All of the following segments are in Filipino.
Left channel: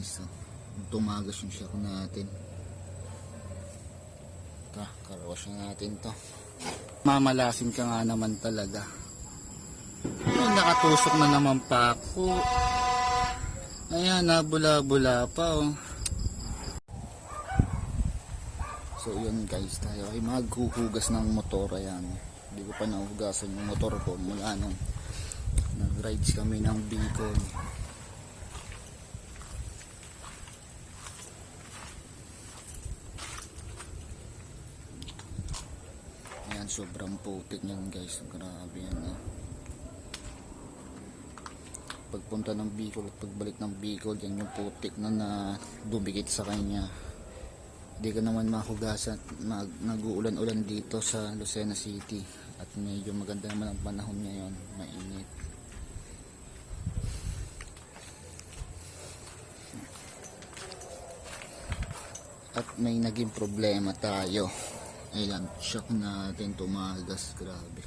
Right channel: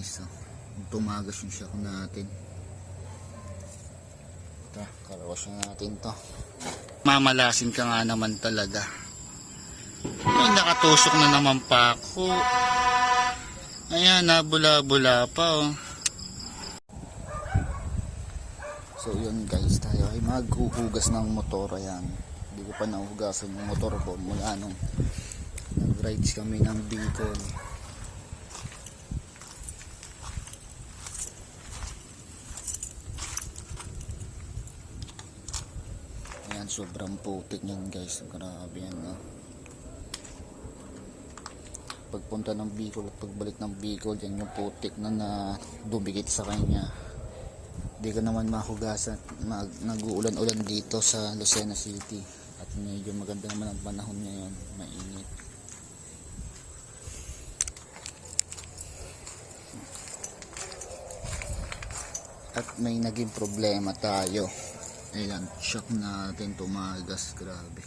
isa. Tumagas yung shock natin. Ito, karawas na natin to. Mamalasin ka nga naman talaga. Ay, nakatusok na naman pa ako. Ayan, nabula-bula pa oh. So yun guys, tayo ay maghuhugas ng motor. Ayan, hindi ko pa nahugasan yung motor ko mula nung nag-rides kami ng Bicol. Ayan, sobrang putik yan guys. Grabe yan no? Pagpunta ng Bicol at pagbalik ng Bicol, yan yung putik na dumikit sa kanya. Hindi ka naman mahugasan. Nag-uulan-ulan dito sa Lucena City at medyo maganda naman ang panahon ngayon, mainit. At may naging problema tayo. Ayan, shock natin, tumagas, grabe.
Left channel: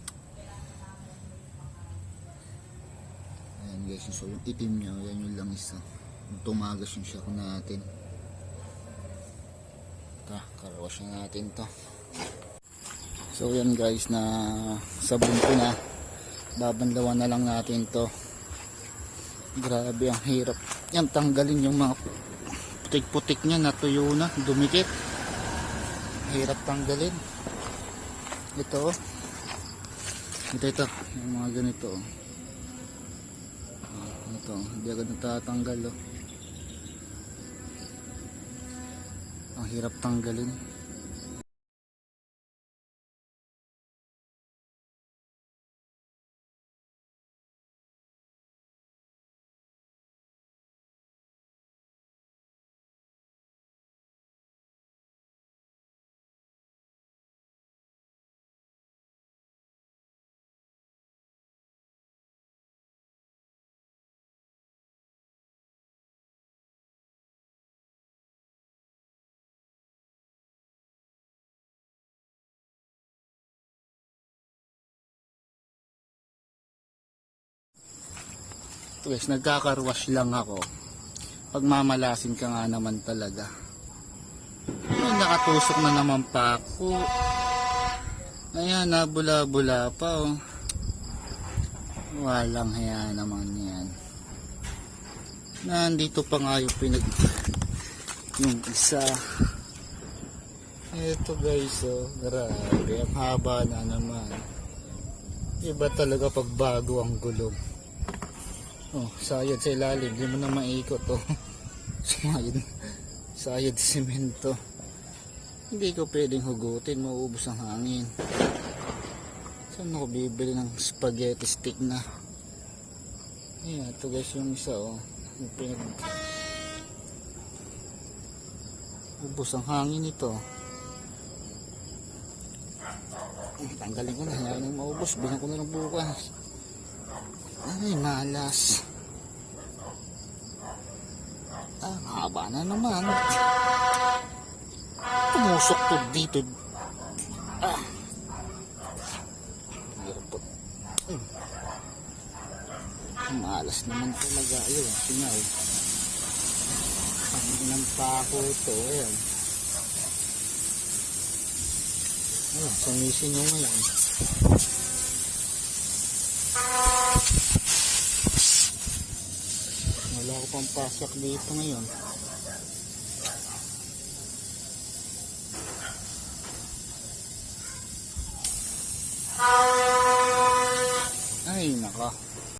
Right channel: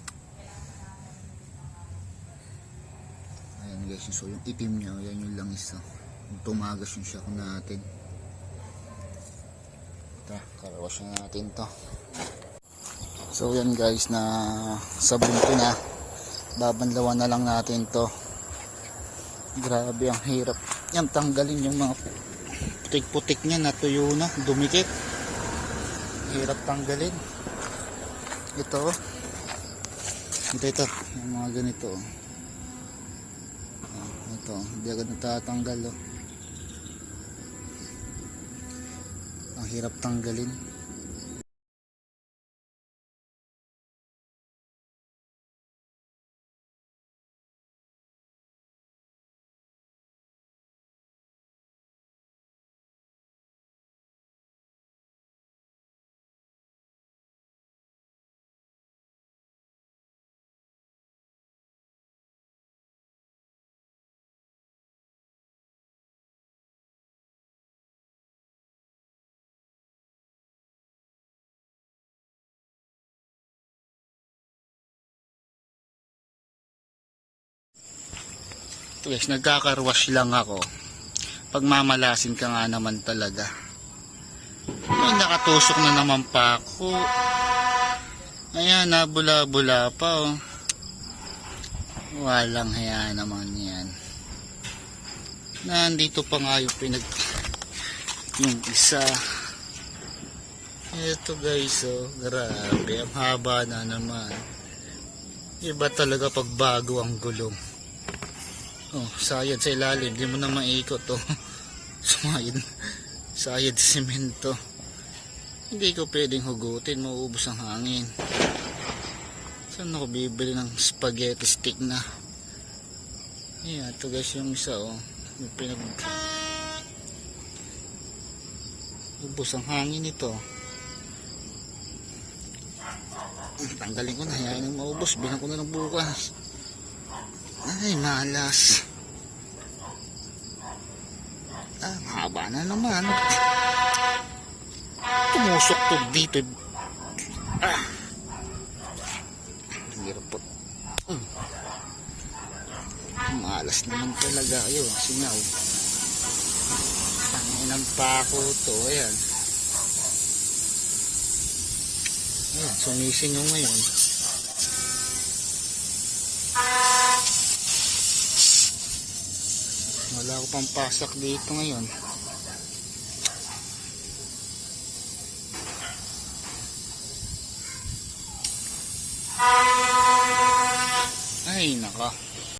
Ayan guys, so yung itim niya, yan yung langis. Tumagas yung shock natin. Ito, karawas na natin to. So yan guys, na sabon ko na. Babanlawan na lang natin to. Grabe, ang hirap. Yan, tanggalin yung mga putik-putik niya, natuyo na, dumikit. Hirap tanggalin. Ito yung mga ganito. Ito, hindi agad natatanggal oh. Ang hirap tanggalin. Guys, nagkakarwash lang ako. Pagmamalasin ka nga naman talaga. Ay, nakatusok na naman pa ako. Ayan, nabula-bula pa oh. Walang haya naman yan. Nandito pa nga yung yung isa. Ito guys oh, grabe, ang haba na naman. Iba talaga pag bago ang gulong. Oh, sayad sa ilalim, hindi mo na maikot oh. Sayad sa simento. Hindi ko pwedeng hugutin, mauubos ang hangin. Saan ako bibili ng spaghetti stick na? Yeah, ito guys yung isa oh. Yung ubos ang hangin ito. Tanggalin ko na, hayain ang maubos, bilang ko na ng bukas. Ay, malas. Haba na naman. Tumusok to dito. Hirap po. Malas naman talaga. Ayun, singaw. Tanginang pako to. Ayan. Ayan, sumisingaw ngayon. Wala ko pang pasak dito ngayon. Ay naka.